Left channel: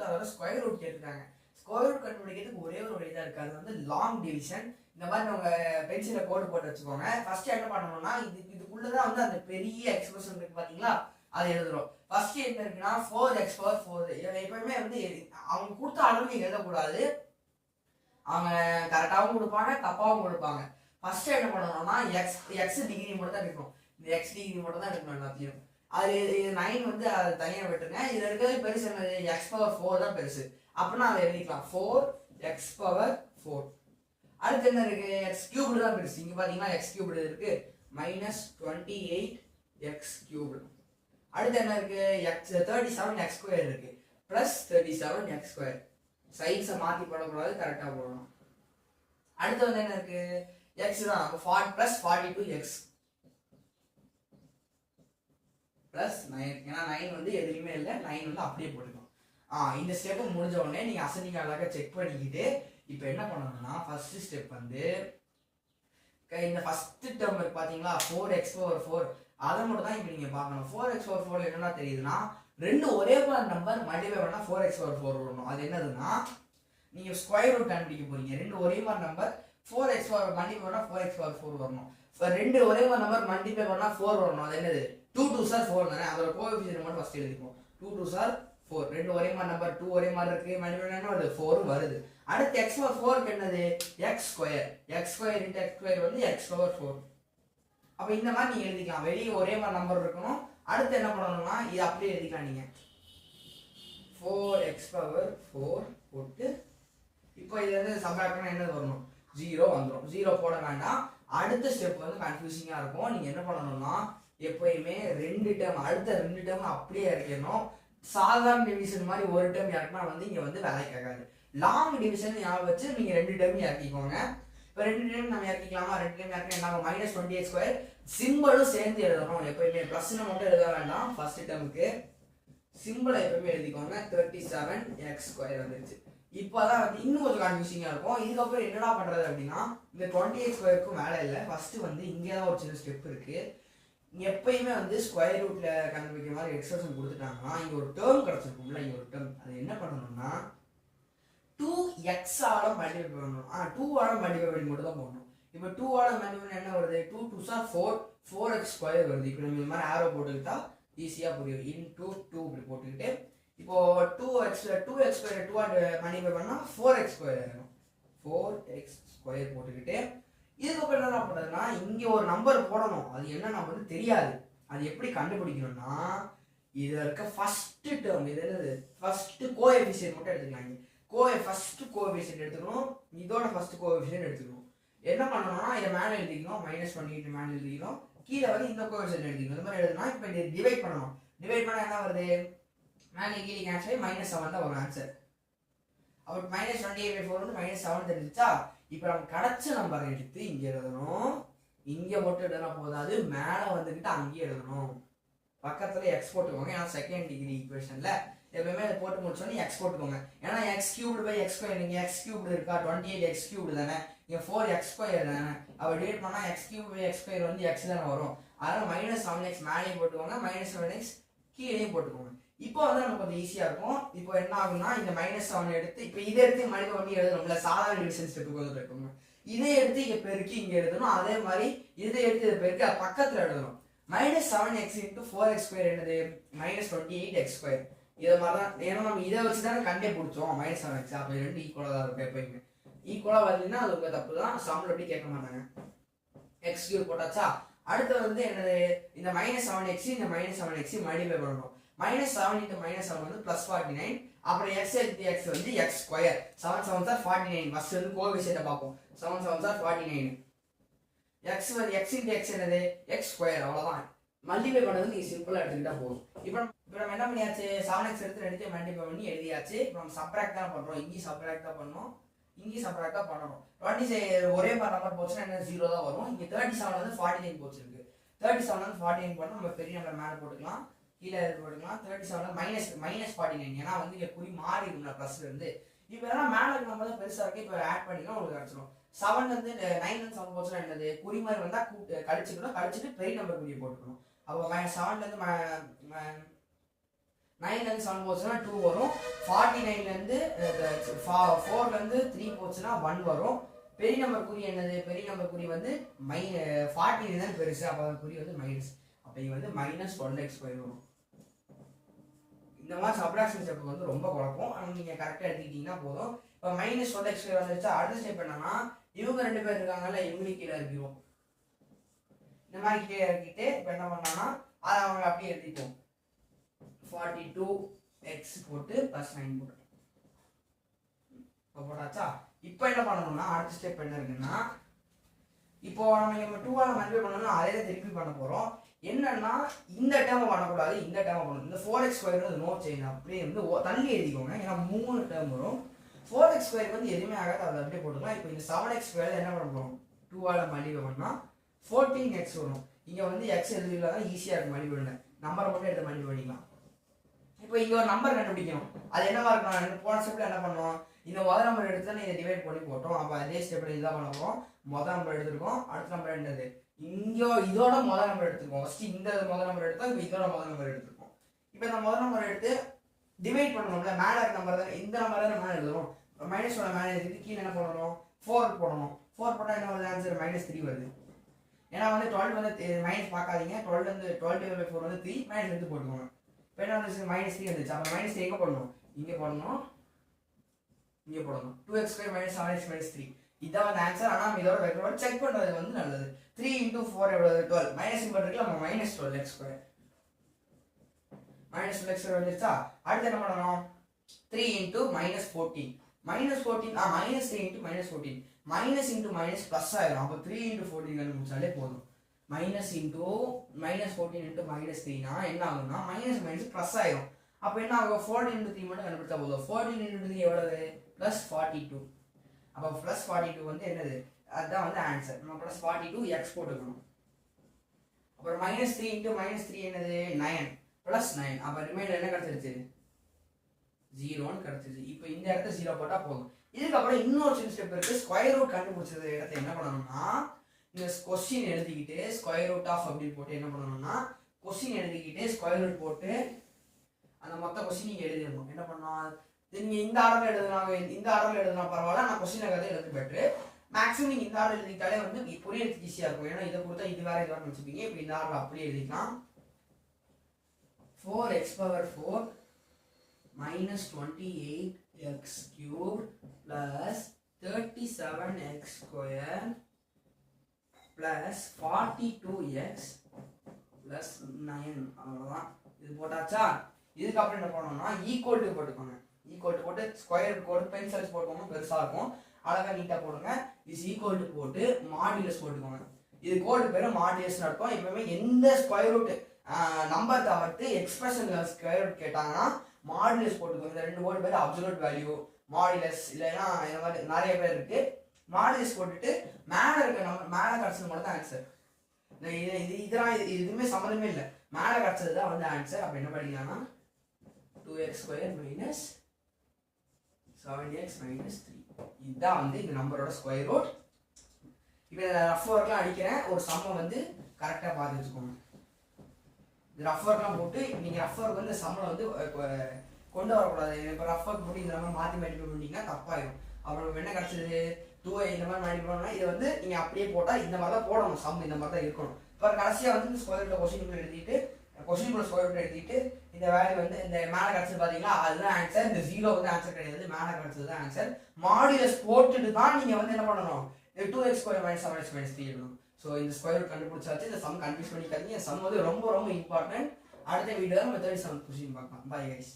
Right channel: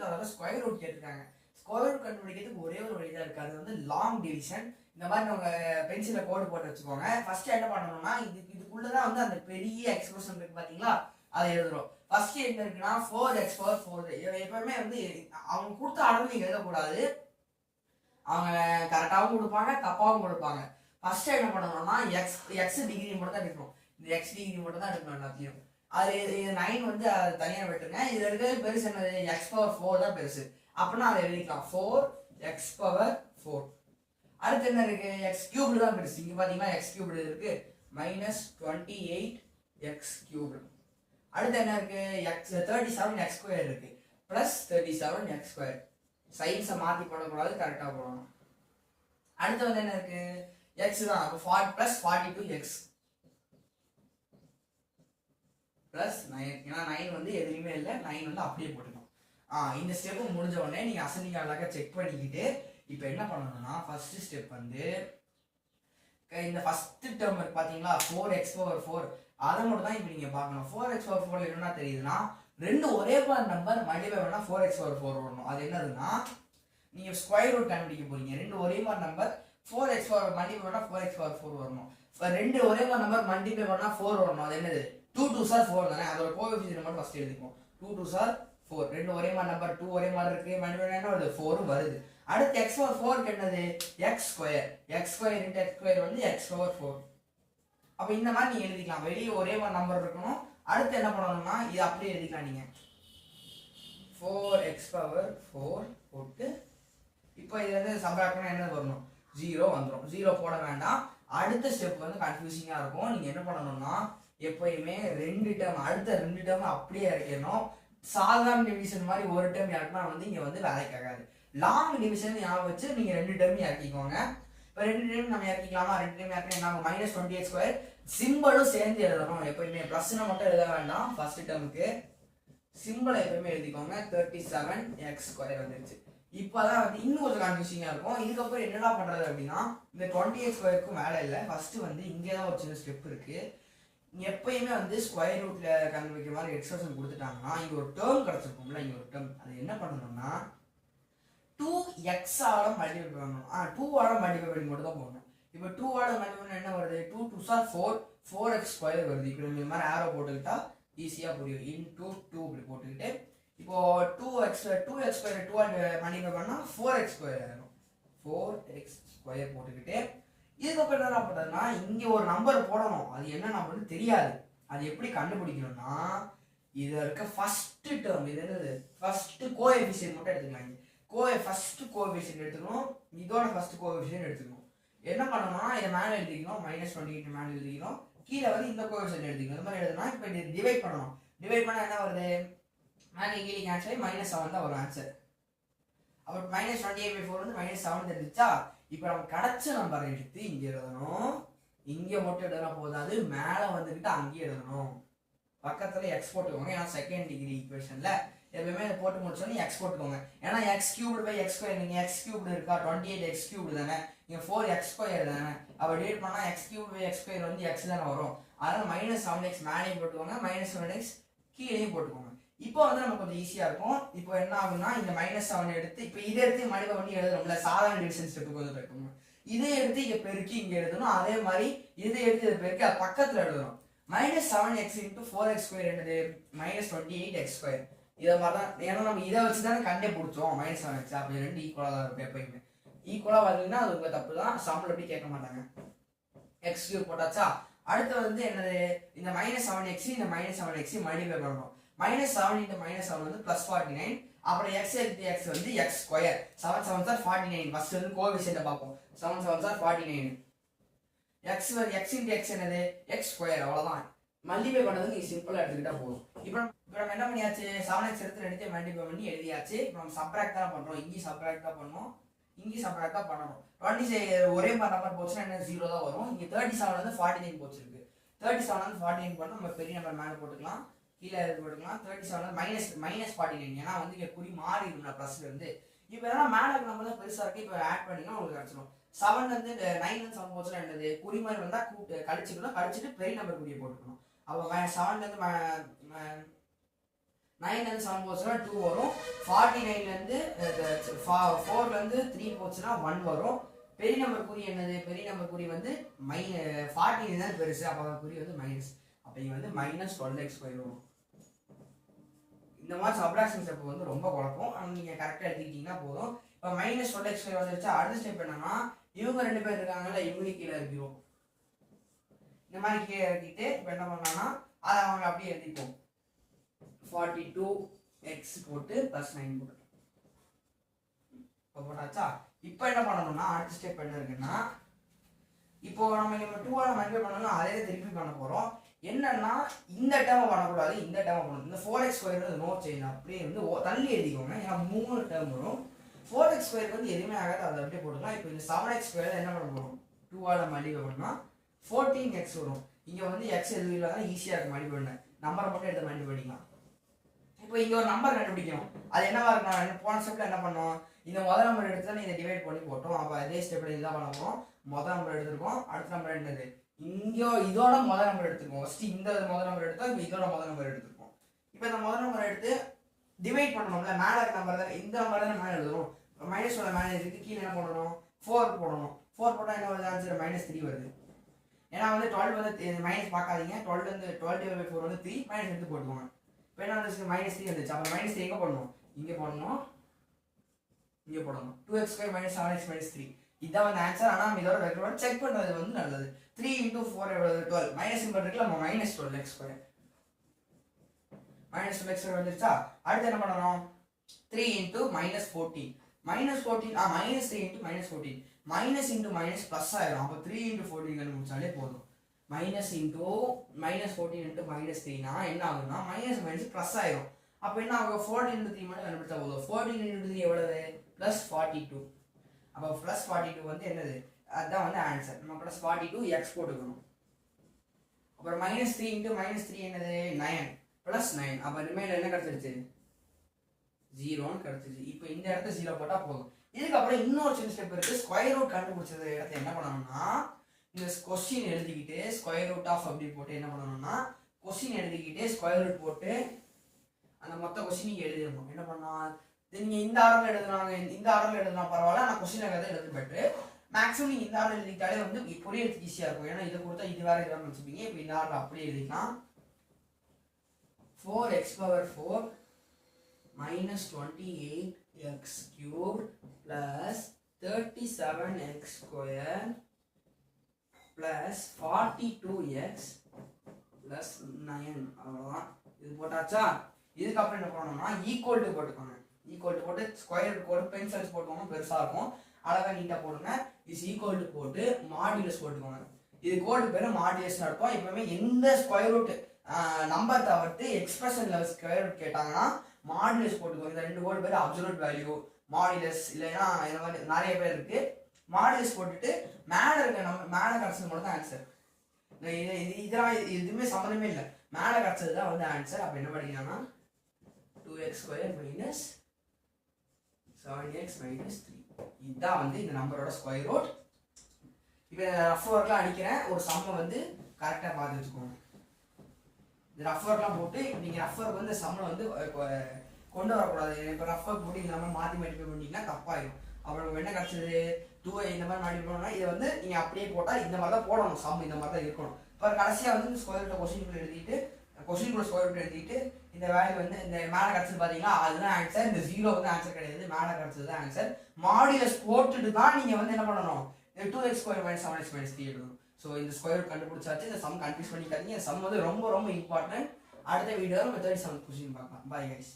கொடுத்து அதோட square root கேட்டிருக்காங்க. ஸ்கொயர் ரூட் கண்டுபிடிக்கிறதுக்கு ஒரே ஒரு வழி தான் இருக்கு, அது வந்து லாங் டிவிஷன். இந்த மாதிரி உங்க பென்சில கோடு போட்டு வச்சுக்கோங்க. ஃபர்ஸ்ட் என்ன பண்ணணும்னா இதுக்குள்ளதான் வந்து அந்த பெரிய எக்ஸ்பிரஷன் இருக்கு பாத்தீங்களா, அதை எழுதுறோம். ஃபர்ஸ்ட் என்ன இருக்குன்னா 4x⁴. எப்பவுமே வந்து அவங்க கொடுத்த அளவு நீங்க எழுதக்கூடாது, அவங்க கரெக்டாகவும் கொடுப்பாங்க தப்பாகவும் கொடுப்பாங்க. ஃபர்ஸ்ட் என்ன பண்ணணும்னா எக்ஸ் டிகிரி மட்டும் தான் எடுக்கணும், இந்த எக்ஸ் டிகிரி மட்டும் தான் எடுக்கணும் எல்லாத்தையும். அது 9 வந்து அது தனியாக விட்டுருங்க. இதுல இருக்கிறது பெருசு என்னது, x⁴ தான் பெருசு. அப்படின்னா அதை எழுதிக்கலாம் 4x⁴. அடுத்து என்ன இருக்கு, x³ தான் பெருசு. இங்க பாத்தீங்கன்னா x³ இருக்கு, -28x³. அடுத்து என்ன இருக்கு, 37x² இருக்கு, +37x². சைன்ஸை மாத்தி போடக்கூடாது, கரெக்டா போடணும். அடுத்து வந்து என்ன இருக்கு, x தான், அப்போ +42x +9. ஏன்னா 9 வந்து எதுலையுமே இல்லை, 9 வந்து அப்படியே போட்டுக்கணும். இந்த ஸ்டெப் முடிஞ்ச உடனே நீங்க அசெண்டிங் அழகா செக் பண்ணிக்கிட்டு இப்போ என்ன பண்ணணும்னா ஃபர்ஸ்ட் ஸ்டெப் வந்து இந்த ஃபர்ஸ்ட் டேர்ம் இருக்கு பாத்தீங்களா 4x⁴, அதை மட்டும் தான் இப்போ நீங்க பார்க்கணும். 4x⁴ என்னன்னா தெரியுதுன்னா, ரெண்டு ஒரே நம்பர் மல்டிப்ளை பண்ணா 4x⁴ வரணும். அது என்னதுன்னா, நீங்க ஸ்கொயர் ரூட் கண்டுபிடிக்க போறீங்க. ரெண்டு ஒரே மாதிரி நம்பர் 4x⁴ மல்டிப்ளை பண்ணா 4x⁴ வரணும். ரெண்டு ஒரே மாதிரி நம்பர் மல்டிப்ளை பண்ணா 4 வரணும். அது என்னது, 2 2s are 4 தானே, அதோட கோஎஃபிஷியன்ட் மட்டும் ஃபர்ஸ்ட் எழுதிப்போம். 2 2s are 4. ரெண்டு ஒரே மாதிரி நம்பர், 2 ஒரே மாதிரி இருக்கு, மல்டிப்ளை பண்ணா வருது 4 வருது. அடுத்து x⁴ என்னது, x². x² × x² வந்து x⁴. அப்ப இந்த மாதிரி நீங்க எழுதிக்கலாம். வெளியே ஒரே மாதிரி நம்பர் இருக்கணும். அடுத்து என்ன பண்ணணும்னா இது அப்படியே எழுதிக்கலாம். நீங்க 4x⁴ போட்டு இப்போ இதுல இருந்து சப்ட்ராக்ட் பண்ணா என்ன வரணும், 0 வந்துடும். 0 போட வேண்டாம். அடுத்த ஸ்டெப் வந்து கன்ஃபியூசிங்கா இருக்கும். நீங்க என்ன பண்ணணும்னா எப்பயுமே அடுத்த ரெண்டு டேர்ம் அப்படியே இறக்கணும். சாதாரண டிவிஷன் மாதிரி ஒரு டேர்ம் இறக்குனா வந்து இங்க வந்து வேலைக்கு ஆகாது. லாங் டிவிஷன் ஞாபகம் வச்சு நீங்க ரெண்டு டேர்ம் இறக்கிக்கோங்க. இப்போ ரெண்டு டேர்ம் நம்ம இறக்கிக்கலாமா, ரெண்டு டேர்ம் இறக்க என்ன ஆகும், -28x². சிம்பிளும் சேர்ந்து எழுதணும். எப்பயுமே பிளஸ்ன்னு மட்டும் எழுத வேண்டாம். ஃபர்ஸ்ட் டேர்முக்கு சிம்பிளை எப்பயுமே எழுதிக்கோங்க. 37x² வந்துருச்சு. இப்போதான் வந்து இன்னும் கொஞ்சம் கன்ஃபியூசிங்கா இருக்கும். இதுக்கப்புறம் என்னடா பண்றது அப்படின்னா, இந்த 20x²க்கும் வேலை இல்லை. ஃபர்ஸ்ட் வந்து இங்கேதான் ஒரு சின்ன ஸ்டெப் இருக்கு. எப்பயுமே வந்து ஸ்கொயர் ரூட்ல கண்டுபிடிக்கிற மாதிரி எக்ஸ்பிரஷன் கொடுத்துட்டாங்கன்னா இங்க ஒரு டேர்ம் கிடைச்சிருக்கும்ல, இங்க ஒரு டேர்ம், அது என்ன பண்ணணும்னா 2x ஆல மல்டிப்ளை பண்ணணும். 2 ஆல மல்டிப்ளை பண்ணி மட்டும் தான் போடணும். இப்போ 2 ஆல மல்டிப்ளை பண்ணா என்ன வருது, 2 2s are 4, 4x² வருது. இப்போ நம்ம இந்த மாதிரி ஆரோ போட்டுக்கிட்டா ஈஸியா புரியும். × 2 இப்படி போட்டுக்கிட்டு இப்போ 2x² 2 ஆல மல்டிப்ளை பண்ணா 4x² ஆகும். 4x² போட்டுக்கிட்டு இதுக்கப்புறம் என்ன பண்றதுன்னா இங்க ஒரு நம்பர் போடணும். அது என்ன நம்பர்னு தெரியாது. அது எப்படி கண்டுபிடிக்கணும்னா இதுல இருக்க ஃபர்ஸ்ட் டேர்ம், இது என்னது, ஃபர்ஸ்ட் கோஎஃபிஷியன்ட் மட்டும் எடுத்துக்கலாம். ஃபர்ஸ்ட் கோஎஃபிஷியன்ட் எடுத்துக்கணும், இதோட ஃபர்ஸ்ட் கோஎஃபிஷியன்ட் எடுத்துக்கணும். என்ன பண்ணணும்னா இதை மேலே எழுதிக்கணும், -28 மேலே எழுதிக்கணும், கீழே வந்து இந்த கோஎஃபிஷியன்ட் எழுதிக்கணும். இந்த மாதிரி எழுதுனா இப்போ இதை டிவைட் பண்ணணும். டிவைட் பண்ணா என்ன வருது, மேலே கீழே கேன்சல் -7 தான் வரும் ஆன்சர். அப்போ -28/4 வந்து -7 தெரிஞ்சிச்சா. இப்போ நம்ம கிடைச்ச நம்பரை எடுத்து இங்க எழுதணும். இங்க மட்டும் எழுதலாம் போதாது, மேல வந்துகிட்டு அங்கேயே எழுதணும். பக்கத்துல எக்ஸ் போட்டுக்கோங்க. ஏன்னா செகண்ட் டிகிரி ஈக்குவேஷன்ல எப்பவுமே அதை போட்டு முடிச்சோன்னு எக்ஸ் போட்டுக்கோங்க. ஏன்னா x³ நீங்க x³ இருக்கா, 28x³ தானே, இங்க 4x² தானே. அப்ப டிவைட் பண்ணா x³ வந்து x தானே வரும். அதனால -7x மேலேயும் போட்டுக்கோங்க, -7x கீழேயும் போட்டுக்கோங்க. இப்போ வந்து நமக்கு கொஞ்சம் ஈஸியா இருக்கும். இப்போ என்ன ஆகும்னா இந்த -7 எடுத்து இப்போ இதை எடுத்து மல்டிப்ளை பண்ணி எழுதணும்ல, சாதாரண டிவிஷன் ஸ்டெப்புக்கு வந்து இருக்கணும். இதை எடுத்து இங்க பெருக்கி இங்க எழுதணும். அதே மாதிரி இதை எடுத்து இதை பெருக்கி பக்கத்துல எழுதணும். -7x × 4x² என்னது, -28x². இதை மாதிரிதான். ஏன்னா நம்ம இதை வச்சுதானே கண்டே பிடிச்சோம் -7x. அப்ப ரெண்டு ஈக்குவலா தான் இருக்கும். எப்பயுமே ஈக்குவலா வரலன்னா அது ஒரு தப்பு தான். சம்பளம் எப்படி கேட்க மாட்டாங்க. x³ போட்டாச்சா. அடுத்து வந்து என்னது, இந்த -7x இந்த -7x மல்டிப்ளை பண்ணணும். -7 × -7 வந்து +49. அப்புறம் x × x வந்து x². 7 7s are 49. ஃபர்ஸ்ட் வந்து கோஎஃபிஷியன்ட் பார்ப்போம். 7 7s are 49. x × x என்னது, x². அவ்வளவுதான். மல்டிப்ளை பண்ணது நீங்க சிம்பிளா எடுத்துக்கிட்டா போதும். இப்போ நம்ம என்ன பண்ணியாச்சு, 7x எடுத்து ரெண்டுத்தையும் மல்டிப்ளை பண்ணி எழுதியாச்சு. இப்போ நம்ம சப்ட்ராக்ட் தான் பண்றோம். இங்கேயும் சப்ட்ராக்ட் தான் பண்ணணும், இங்கேயும் சப்ட்ராக்ட் தான் பண்ணணும். 27 ஒரே மாதிரி நம்பர் போச்சுன்னா என்ன 0 தான் வரும். இங்க 37 வந்து 49 போச்சிருக்கு. 37 வந்து 49 பண்ணா நம்ம பெரிய நம்பர் மேல போட்டுக்கலாம், கீழே போட்டுக்கலாம். 37 -49. ஏன்னா வந்து இங்க குறி மாறிடும் பிளஸ்ல இருந்து. இப்போ ஏன்னா மேல நம்ம தான் பெருசா இருக்கு. இப்போ ஆட் பண்ணினா உங்களுக்கு கிடைச்சிடும். 7 வந்து 9 வந்து 7 போச்சுன்னா என்னது, குறி மாதிரி வந்தா கூட்டு கழிச்சுக்கணும், கழிச்சுட்டு பெரிய நம்பர் குறியை போட்டுக்கணும். அப்போ 7 இருந்து 9லேருந்து 7 போச்சுன்னா 2 வரும். 49லேருந்து 4லேருந்து 3 போச்சுன்னா 1 வரும். பெரிய நம்பர் குறி என்னது? பெரிய நம்பர் குறி வந்து 14 தான் பெருசு. அப்போ குறி வந்து மைனஸ். அப்போ இங்கே வந்து -12x² வரும். இந்த மாதிரி சப்ட்ராக்ஷன் ஸ்டெப் வந்து ரொம்ப குழப்பம். ஆனால் நீங்கள் கரெக்டாக எடுத்துக்கிட்டீங்கன்னா போதும். இப்போ -12x² வந்துருச்சா, அடுத்த ஸ்டெப் என்னன்னா இவங்க 2 பேர் இருக்காங்கல்ல, இவங்க கீழே இருக்கிறோம். இந்த மாதிரி கீழே இறக்கிட்டு இப்போ என்ன பண்ணோம்னா அதை அவங்க அப்படியே எழுதிப்போம். 42x போட்டு +9 போட்டு இப்போ போட்டாச்சா. இப்போ என்ன பண்ணணும்னா அடுத்த ஸ்டெப் என்ன இருக்குன்னா, இப்போ நம்ம இங்கே 2ஆல் மல்டிப்ளை பண்ணணும், அதே தான் திருப்பி பண்ண போகிறோம். என்னன்னா இந்த டேர்மை பண்ணக்கூடாது, இந்த டேர்மை பண்ணணும். இந்த 4x² நோ சேஞ்ச் அப்படியே வந்து தள்ளி எழுதிக்கோங்க. ஏன்னா 3 டேர்ம் வரும். 4x² வந்து எதுவுமே ஆகாது, அதை அப்படியே போட்டுக்கலாம். இப்போ இந்த 7x² என்ன பண்ண போகிறோம்? 2ஆல் மல்டிப்ளை பண்ணால் 14x வரும். இங்கே வந்து x எதுவும் இல்லாத ஈஸியாக இருக்குது மல்டிப்ளை பண்ண. நம்பரை மட்டும் எடுத்து மல்டிப்ளை பண்ணிக்கலாம். இப்போ இங்கே ஒரு நம்பர் கண்டுபிடிக்கணும். அது என்னவா இருக்கணும்? போன ஸ்டெப்பில் என்ன பண்ணோம்? இந்த முதல் நம்பர் எடுத்து தான் இதை டிவைட் பண்ணி போட்டோம். அப்போ அதே ஸ்டெப்பில் இதுதான் பண்ண போகிறோம். முதல் நம்பர் எடுத்துருக்கோம். அடுத்த நம்பர் என்னது? இங்கே இதோட முதல் நம்பர் எடுத்துருக்கோம். ஃபஸ்ட்டு இந்த முதல் நம்பர் எடுத்தோம். இப்போ இதோட முதல் நம்பர் எடுத்துருக்கோம். இப்போ இந்த முதல் நம்பர் எடுத்து டிவைட் பண்ணணும்ல, மேலே இருக்க நம்பர் தான் இந்த நம்பர் தான் மேலே எழுதணும். -1 மேலே எடுத்துட்டு கீழே என்ன பண்ணணும்? 4 போடணும். 4 போட்டால் என்ன வருது? ஆன்சர் -3 வருது. ஏன்னா வந்து 12 வந்து மைனஸ் பார்க்காதீங்க. 12/4 வந்து 3 மைனஸ் எடுத்து போட்டுக்கோங்க. இப்போ என்ன வந்துச்சு? -3 வந்துச்சு. அப்போ -3 எங்கே போடணும்? இங்கே போடணும், இங்கே போடணும். 2x² - 7x - 3 இதுதான் வந்து ஆன்சர். ஆனால் நம்ம இதோட ரெக்கார்ட் செக் பண்ணுறது வந்து நல்லது. 3 × 4 எவ்வளவு? 12. மைனஸ் சிம்பிள் இருக்குல்ல, நம்ம -12x². -12x² வந்துருச்சா. அடுத்து என்ன பண்ணணும்? 3 × -14. -14 -3 × -14 மைனஸ் இன்ட்டு மைனஸ் ப்ளஸ் ஆயிரும். அப்போ 3 × 14 கண்டுபிடிச்சாலே போதும். -14 × -3னா என்ன ஆகுதுன்னா மைனஸ் ப்ளஸ் ஆயிரும். அப்போ என்ன ஆகும்? 14 × 3 மட்டும் கண்டுபிடிச்சா போதும். 14 × 3 எவ்வளவு? +42. அப்போ +42 வந்து என்னது? அதுதான் வந்து ஆன்சர். நம்ம +42x போட்டுக்கணும். அப்புறம் -3 × -3 என்னது? 9 +9. அப்போ ரிமைண்டர் என்ன கிடைச்சிருச்சு? 0ன்னு கிடைச்சிருச்சு. இப்போ இந்த இடத்துல 0 போட்டால் போதும். இதுக்கப்புறம் இன்னொரு சின்ன ஸ்டெப் இருக்கு. ஸ்கொயர் ரூட் கண்டுபிடிச்சது இடத்த என்ன பண்ணணும்னா, இந்த கொஸ்டின் எழுதிக்கிட்டு ஸ்கொயர் ரூட் ஆஃப் அப்படி போட்டு என்ன பண்ணணும்னா, கொஸ்டின் எழுதிக்கிட்டு ஸ்கொயர் ரூட் போட்டு அந்த மொத்த கொஸ்டின் நீங்கள் எழுதிடணும். என்ன பண்ணலாம்? நீங்கள் இந்த ஆர்டரில் எழுதுனாங்க, இந்த ஆர்டரில் எழுதுனா பரவாயில்ல, நான் கொஸ்டின் எழுது பெட்ரு. மேக்ஸிமம் நீங்கள் இந்த ஆர்டர் எழுதிக்கிட்டாலே வந்து புரியறதுக்கு ஈஸியாக இருக்கும். ஏன்னா இதை கொடுத்தா இது வேறு இது வேறு வச்சுப்பீங்க. இப்போ இந்த ஆர்டர் அப்படியே எழுதிக்கலாம். 4x⁴ -28x³ +37x² +42x +9. அவ்வளோதான். இது போட்டாச்சா. இதுக்கப்புறம் என்ன பண்ணணும்னா ஈக்குவல் டு போட்டுக்கோங்க. ஈக்குவல் டு போட்டு ஸ்கொயர் கோடு பென்சில்ஸ் போட்டுக்கோங்க, பெருசாக இருக்கும். அழகாக நீட்டாக போடுங்க. இஸ் ஈக்குவல் டு போட்டு மாடுலஸ் போட்டுக்கோங்க. இது கோடு பேர் மாடுலஸ்னு அர்த்தம். எப்பவுமே எந்த ஸ்கொயர் ரூட் நம்பர் தவிர்த்து எக்ஸ்பிரஷன்ல ஸ்கொயர் ரூட் கேட்டாங்கன்னா மாடுலஸ் போட்டுக்கோங்க. இந்த 2 கோடு பேர் அப்சல்யூட் வேல்யூ, மாடுலஸ், இல்லைன்னா இந்த மாதிரி நிறைய பேர் இருக்கு. மாடுலஸ் போட்டுட்டு மேலே இருக்க நம்ம மேலே கிடச்சது மட்டும் தான் ஆன்சர். இதெல்லாம் எதுவுமே சம்மந்தமே இல்லை. மேலே கிடச்சது தான் வந்து ஆன்சர். அப்போ என்ன படிக்கலாம்னா 2x² - 7x - 3 இதுதான் வந்து இந்த நம்பரோட ஸ்கொயர் ரூட். இப்போ ரஃப் ஒர்க்லாம் அடிக்கிறேன். ஒரு சம்மை வந்து கரெக்டாக பார்த்து வச்சுக்கோங்க. இந்த ரஃப் ஒர்க்லாம் போட்டு நீங்கள் ரஃப் ஒர்க் வந்து சம்மில் வந்து கொண்டு வரக்கூடாது. இப்போ ரஃப் ஒர்க் போட்டு இந்த மாதிரி மாற்றி மாட்டி பண்ணிங்கன்னா தப்பாயிடும். அப்புறம் என்ன கிடச்சிது? 2 இந்த மாதிரி மாட்டி போனோம்னா இதை வந்து நீங்கள் அப்படியே போட்டால் இந்த மாதிரி தான் போடணும். சம் இந்த மாதிரி தான் இருக்கணும். இப்போ கடைசியாக வந்து இந்த ஸ்கொயர் ரூட் கொஸ்டின் எழுதிட்டு கொஸ்டின் ஸ்கொயர் ரூட் எழுதிட்டு இந்த வேல்யூ வந்து இந்த மேலே கிடச்சது பார்த்தீங்களா, அதுதான் ஆன்சர். இந்த 0 வந்து ஆன்சர் கிடையாது, மேலே கிடச்சது தான் ஆன்சர். மாடுலஸ் போட்டுட்டு தான் நீங்கள் வந்து என்ன பண்ணணும்? 2x² - 7x - 3 எழுதணும். ஸோ இந்த ஸ்கொயர் ரூட் கண்டுபிடிச்சாச்சு. இந்த சம் கன்ஃபியூஸ் பண்ணிக்காதீங்க. இந்த சம் வந்து ரொம்ப ரொம்ப இம்பார்ட்டன்ட். அடுத்த வீடியோவில் நம்ம 37 கொஸ்டின் பார்க்கலாம். Bye guys.